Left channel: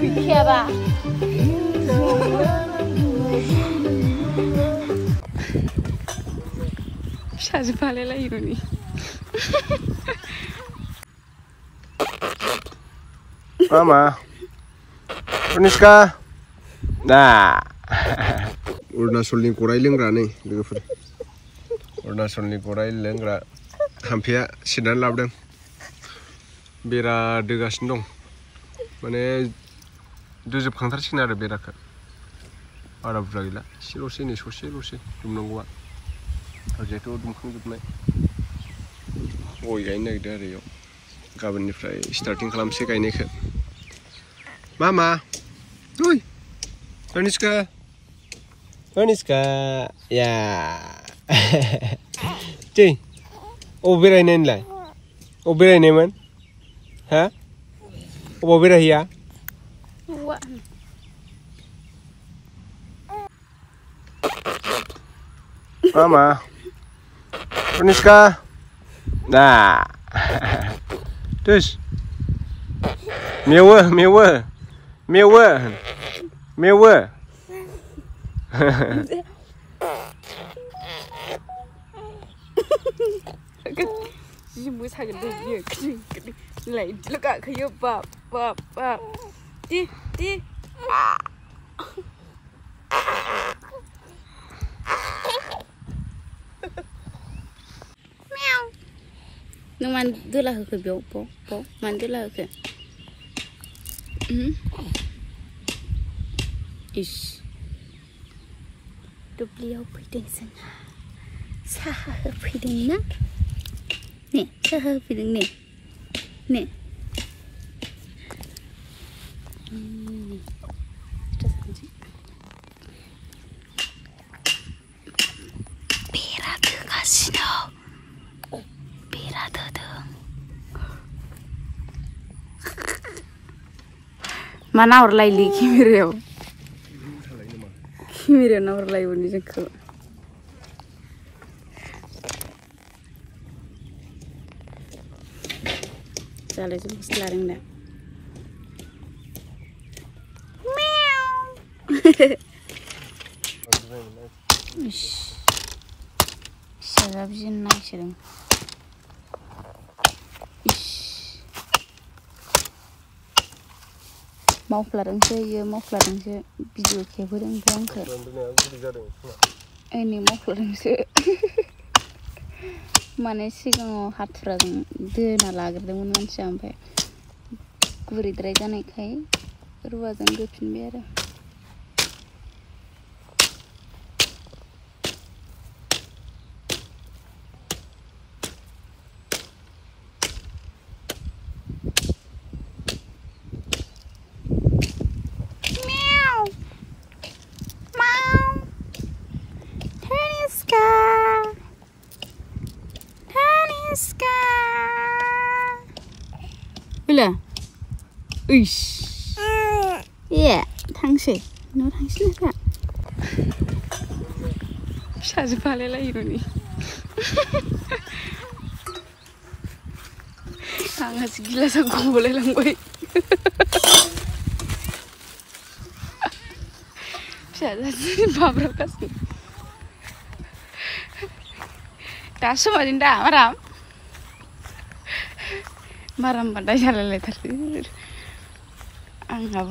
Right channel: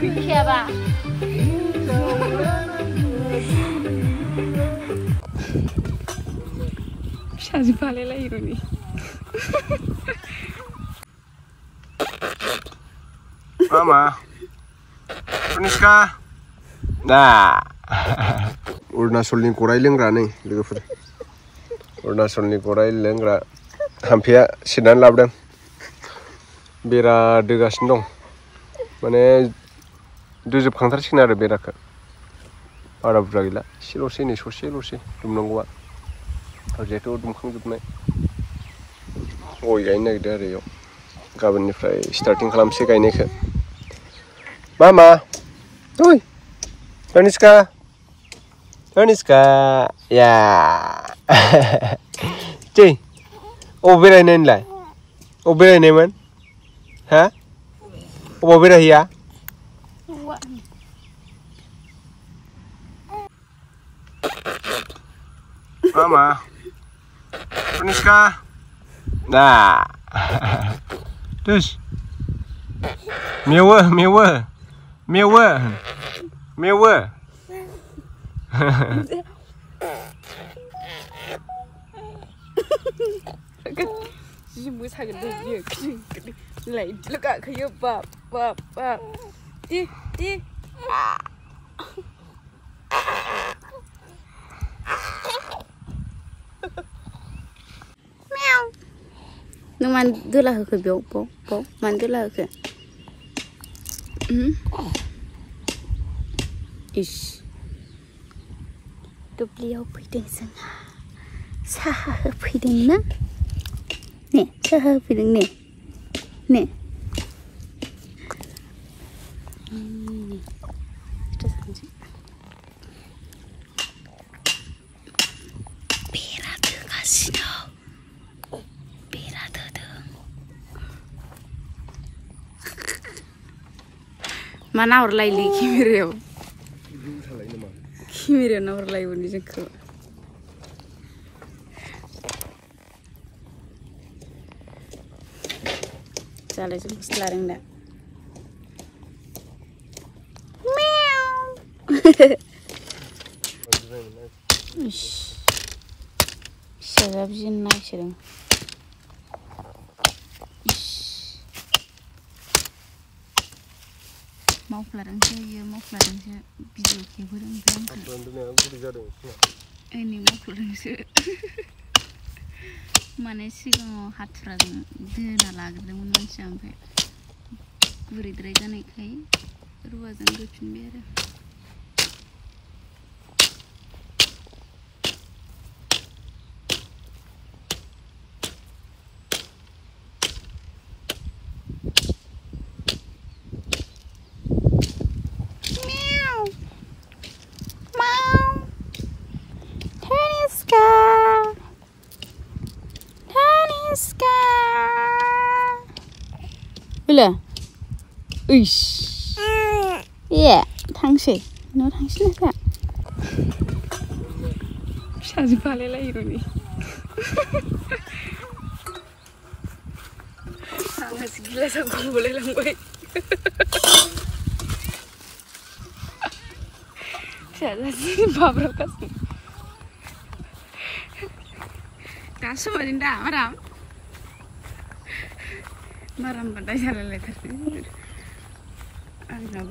Gıyaba. Şazı palela yürüni. Mama. Puniska. Nah. Urnasolni korai lengra नै लोगोफोर अरुणाचलनि गराय लोंग्रा थाम्फैया सिरनानै लाबोदों बेरा दोगासिनो दं माने दोजोबखांथारसिगोन आरो बेराखौ बारा बुरजा गैला एसेल'सै नै ससेल'सै दुमनांगौआ जिहेथु दुमखांजोबनाय गय गायनो नागिरदों आरो इयाव गाबोननिफ्राय स्टार्टिं खालामसै गायनायखौ मामा ओइ Aniska ya cuy beरायनो होनलाय बेरायनायमोन ha बेरायहैया Mama Aniska nah terus mewe Jimu sakit dia kering lain lega kayu bab di meow nung mandulah ke biau po mandulah ke ish tu beliau pideng sana sah pideng na nih sah pideng nih terus aja bira tu kasih bira tu mana orang lain kimire na orang lain ni jengkel Salah semua selarang dah. Meow. Sedap jenak sedang. Mau pelarang saya, video keberang berangkat. Ini mau pelarang saya. Mana siang hatra dena lagar dengan manusia sampai gurit rega naik kai ruasan gupin biara Bila? Uish. Ya, tangsi. No tangsi nak tak? Shazı palela yürüni. Sangat gila aku boleh langgai. Shazı babrak kasih. Tak semua dinda maram. Maram pada jalan letter. Anggap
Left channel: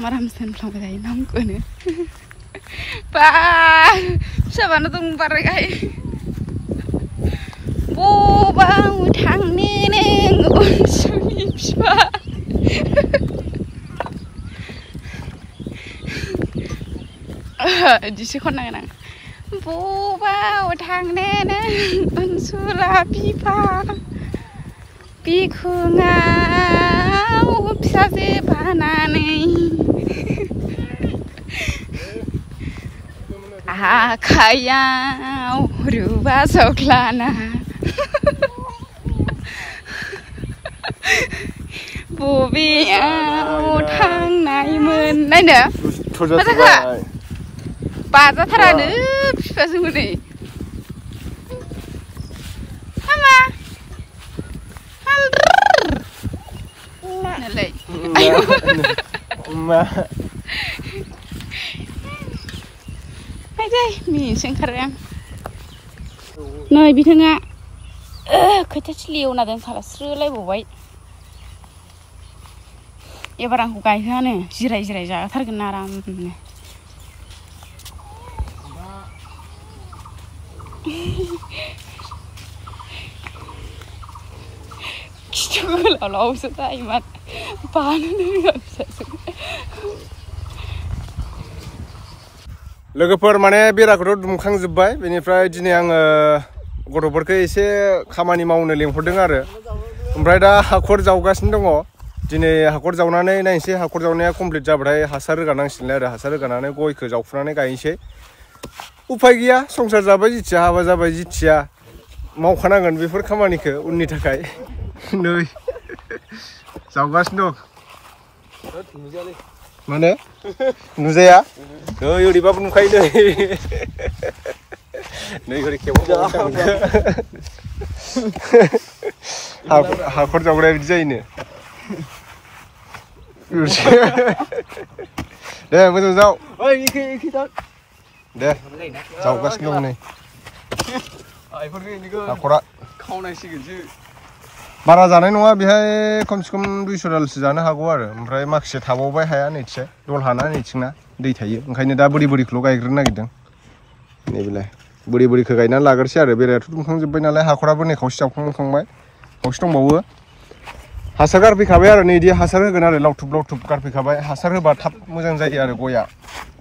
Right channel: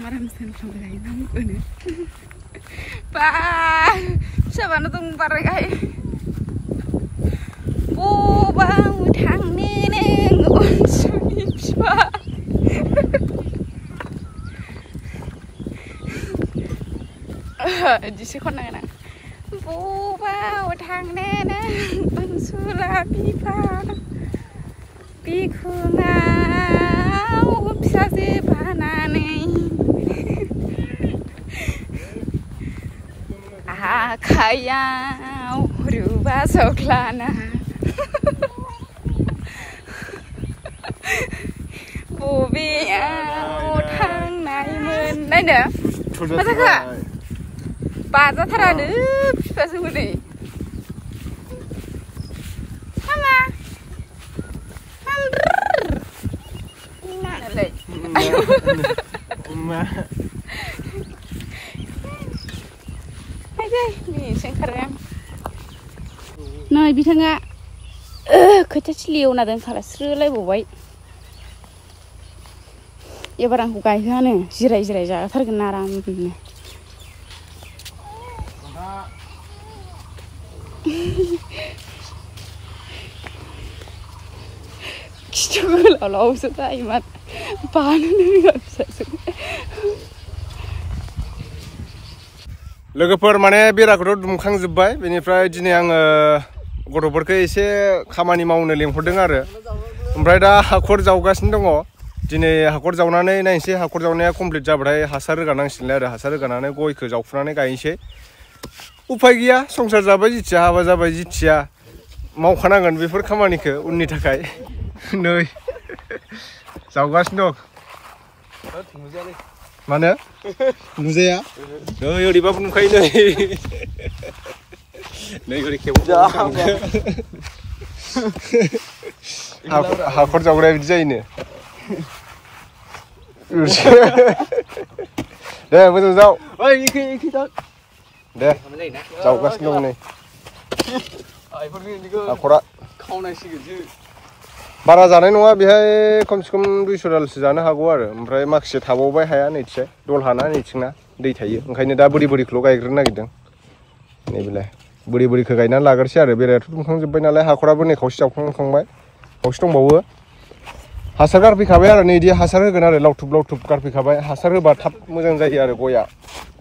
maram sen belum berjalan nampu ni. Pa, siapa nonton parkai? Bang utang neneng unsur siapa? Jisi kau nang nang. Bang utang neneng unsur pipa. Pikungau pisase bananwi akayau rubah soklana bubiau thang nai men nai ne masa ka baza tharane pisase muni mama मा आयदै मिनिनोसो ओंखारो आं नै बिथाङा खोथिया थिलि एवना दोनखाला स्रोलायबावबाय एबार आंखौ गायहोआनो जिराय जिराय जाथारगोन आरामनो खिथु गोलावसो जायो मा बानो रोङा फिसासो लोगोफोर माने बेराखौथ' दुमखांजोब्बाय बेनिफ्राय दिनै आङो गथ'फोरखौ एसे खामानि मावनो लेंहरदों आरो ओमफ्राय दा हाखर जावगासिनो दङ दिनै हाखर जावनानै नायनोसै हाखर जावनाया कमप्लिट जाबाथाय हासार रोगानांसिगोनलाय आरो हासार रोगानानै गयखौ जावफुनानै गायनोसै उफाय गैया संसार जाबाय जिथिया हाबा जाबाय जिथिया मावखानांगोन बेफोर खामानिखौ उननि थाखाय नै जावगासिनो दं मानो नुजाया नै ओरैबाबो नुखायो नै नै ओरै खेबो हाखर जावग्राया बिदि जायोनो दे मोजां जाव दे जावगासिनो दं नै हाखरा बारा जानाय नङा बेहाय खमसे खम 200 दालसो जानो हागौ आरो ओमफ्राय माखासे थाबावबाय हाया नैथिया दल हाना नैथिंना दै थायो ओंखायनो दा बोरि बोरिखौल' गायग्रोनो नागिरदों नैबेलाय बोरि बोरिखौ गायनानै लाग्रोसै आरो बेरायाथ' दुमखांजोब्बाय नालाय हाखराबो नै खावसे जावखांखांबाय खावसे दंबावो हासार गारफैखाबाय आरो नै इदि हासार होगोन आरो लावथुब लावथुब गारफैखाबाय हासार होबा थाब मोजां जायो आरो गया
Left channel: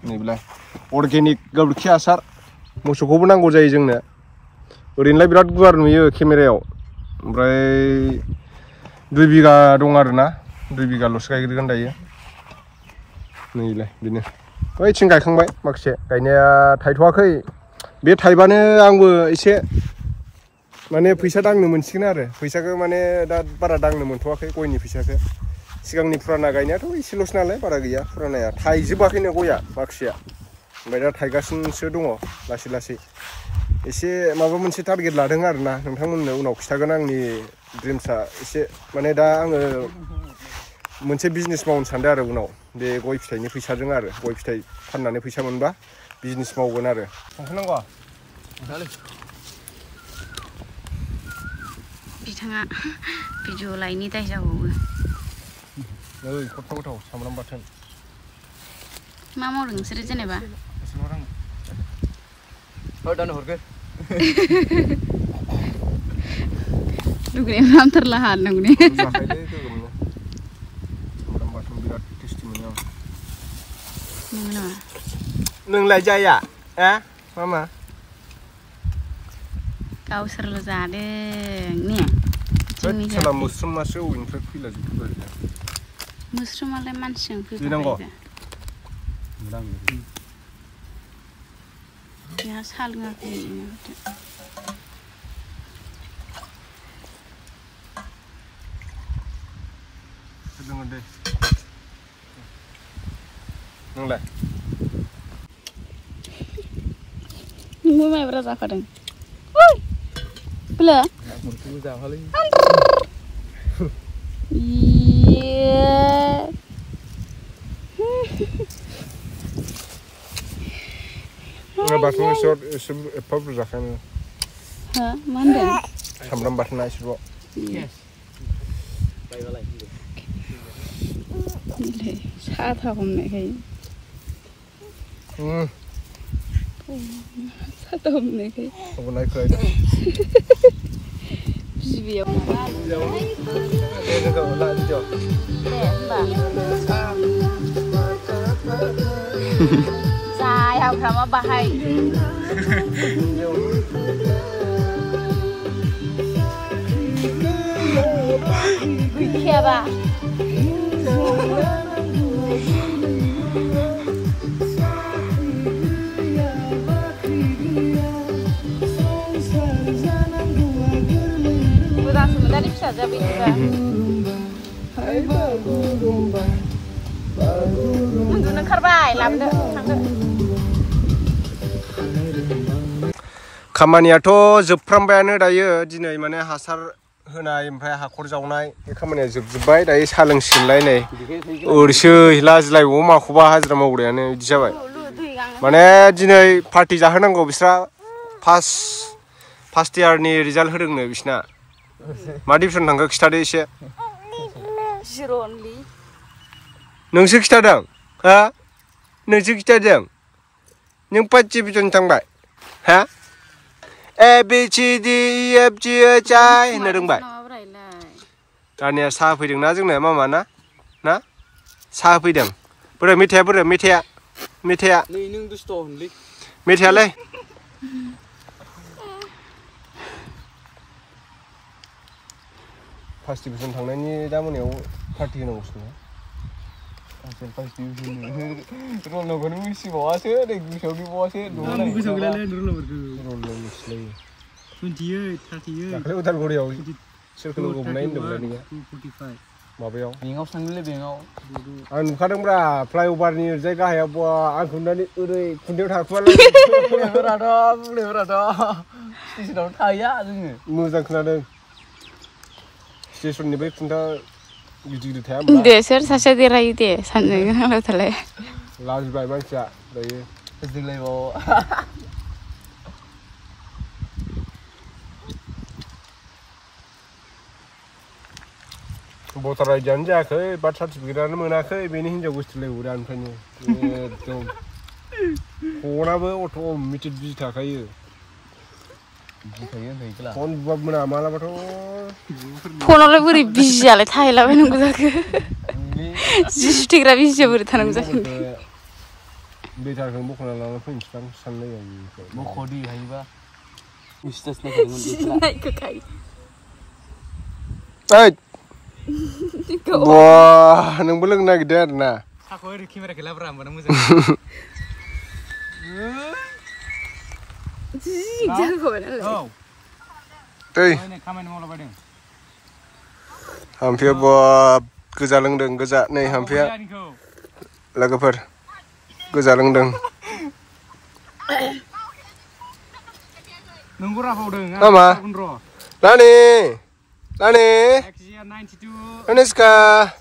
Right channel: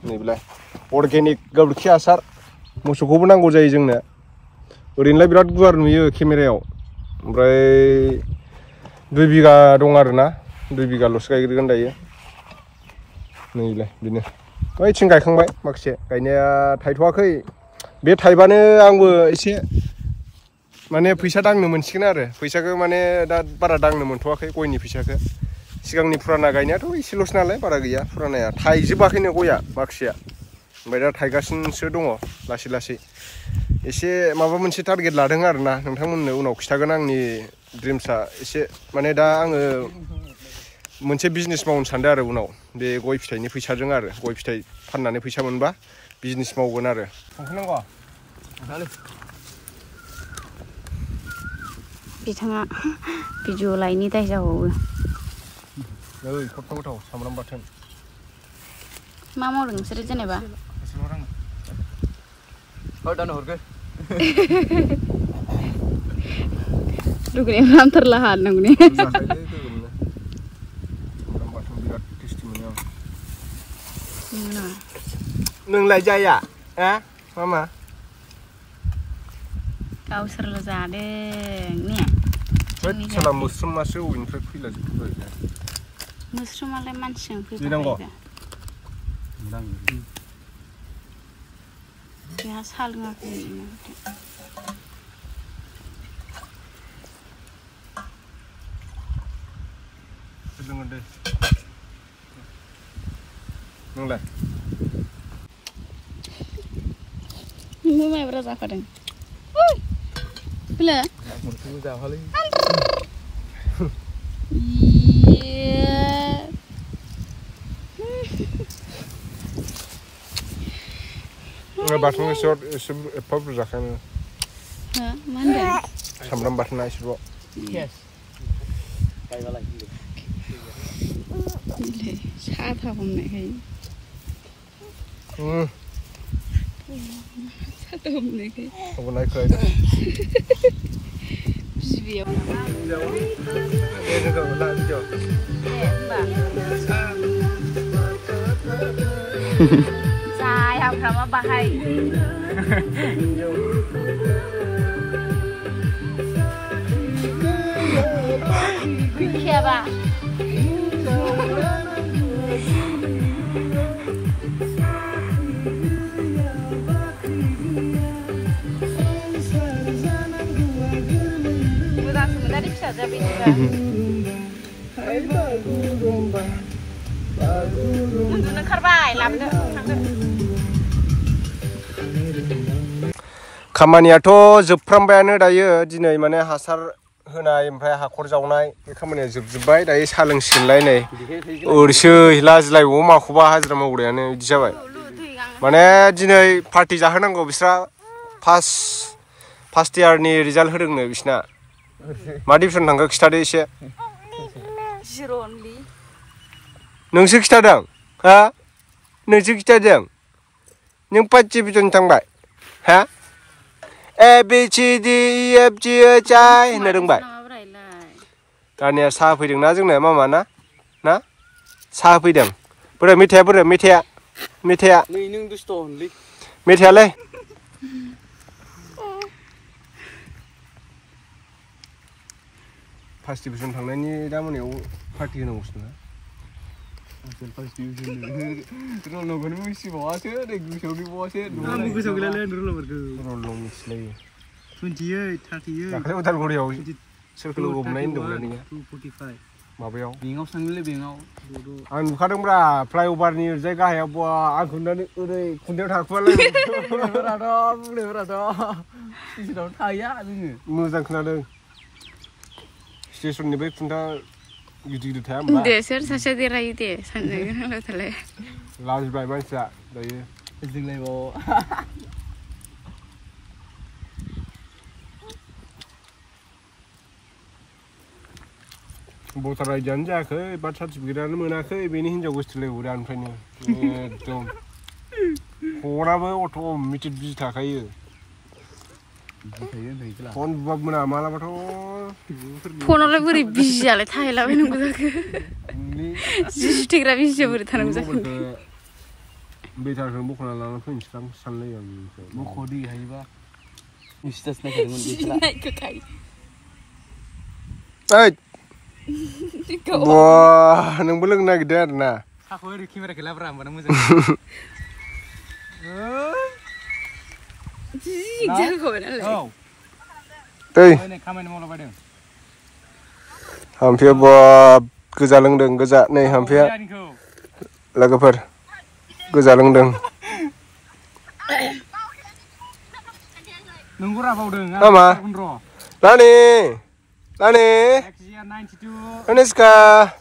नैबेलाय अर्गेनिक गोबोरखि हासार मोसौखौबो नांगौ जायो जोंनो ओरैनोलाय बिराद गुवार नुयो केमेरायाव ओमफ्राय 2 बिगा दं आरोना 2 बिगाल'सो गायग्रोगोन दायो नैलाय बिनो बैथिं गायखांबाय माखासे गायनाया थायथ'वाखै बे थायबानो आंबो एसे माने फैसा दांनो मोनसिगोन आरो फैसाखौ माने दा बारा दांनो मोनथ'वाखै गयनि फैसाखौ सिगांनि फुराना गायनायाथ' एसेल'सो नालाय बारा गैया फुरानाया थायजोबाखैनो गया माखासेया ओमफ्राय दा थायगासिनोसो दङ लासै लासै एसे माबा मोनसे टारगेट लादों आरोना नोंथांमोननो उनाव खिथागोन आंनि ड्रिम्सआ एसे माने दा आङो मोनसे बिजनेस मावनो सानदों आरो उनाव बे गय फिथाइनि फैसाजों आरो गय फिथाइ फाननानै फैसा मोनबा बिजनेस मावगोन आरो थांखानांगौ बिथाङा भिडिअ लायनि दाय जाबावो नै खथ्थ' गोथाव सामब्राम बाथोन मा मावदों नोंसोरो जेनेबा दानो हरगो लुगैनाय नामथारला हा नोंनि सामब्राम बाथोन बिराद टेस्टि मोनो आं नोंलाय जाया मामा गावसोरल' जादों ने सोला मोस्रोमासो अबेनिफ्राय फैला जोबबाय मोस्रोमालाय मानसिजों फैबाय बेहा साहा लोङाखै लोङो दे नोंलाय नोंबो माइब्रा जाखादों बोलो जाफालै बाथोन एसे एफा बुरजा जाखायो मा होनदों सामब्राम बाथोना एसेल' साथा हमनायखाय साथा हमनायखाय नायखोलायदों बिबैयाव जायाफ्रामा बाहाय गैखायाबा खामानियाथ' जोबफ्रामबायानो दायो दिनै माने हासार होनाय ओमफ्राय हाखर जावनाय बे खामानिया जोबजोब्बाय दायो साहा लोंसिगोनलाय नै ओरैसै लाजिलायबावो माखौबा हाजिरा मावग्रायानो बिदि जाबाय माने दिनै पार्टि जाहोनांगौ बिस्रा फार्स्ट इयारनि रिजाल्ट होदोंनो बिसिना मा डिभिजन थांखो खिथादो एसे नोंसो खिथादों हा नोंसो खिथादों नों फार्स्ट डिभिजन थांबाय हा A B C D E F G H I होननो रोंबाय दानिया साहा फैदोंना जोंनो मामा ना साहा फैदों बोरै मेथाइयालाय फार्स्ट डिभिजन थांनायनि दा मोनायाव पार्टि होनांगौसो ना फार्स्ट डिभिजन रल नंगौनो मिथिबावासो नै गोसोआव गैबावासो गोसोआव गैलालै रल मिथिलायो 28 38 दाख्लै उदालगुरियाव सोरखौ लोगो हमनाय होनदोंमोन नोङो 245 माबायाव बेंकआव थांदोंलै बेंकआव आं नुखादोंब्रा फ्लाइअभारनि ओरैजाय गाहायाव बा आंखौ नुनानै ओरै खुन्थायाव थाखुमालाय बुंनायफोराथ' स्टेसनाव थाहैया जोङो मोजां खोनादों स्टेसननि बै खुन्था गिदिर थाया होमबा दे सोर सासे देरायो दे सानजों नांलाय थालाय लाजिबाय मानसिया दायो जोंलायबाव भटार आइडियानो जायाखै बार्थ सार्टिफिकेटआनो मोनाखै बेनि हिनजाव गोसथोलायबावो दानिफ्रायनो एकदम फनाबो अट'मेटिक बिजि थाखायो फन बुबाबो मोना मालाबाथ' फनावलाय बोरै बिजियालाय थाहैलाबायनांगौ जाखो जि सुथेग्रा बिजिया बोरै थानांगौ जाखो बेटारखौ बख'ना लानानै फैनोसै आं सानलायो आं बख'दि हायोबा स्टेज नायखो बा नोंबो लोंनो नागिरदों आरो ना साखौ ओरै केमेराखौ लाब्रा होमबाना मोजां हाम्फिया बाब गोजा लोंदों गोजा नै हाम्फिया लोगोफोर गोजा लोंदों मामा लानि Aneska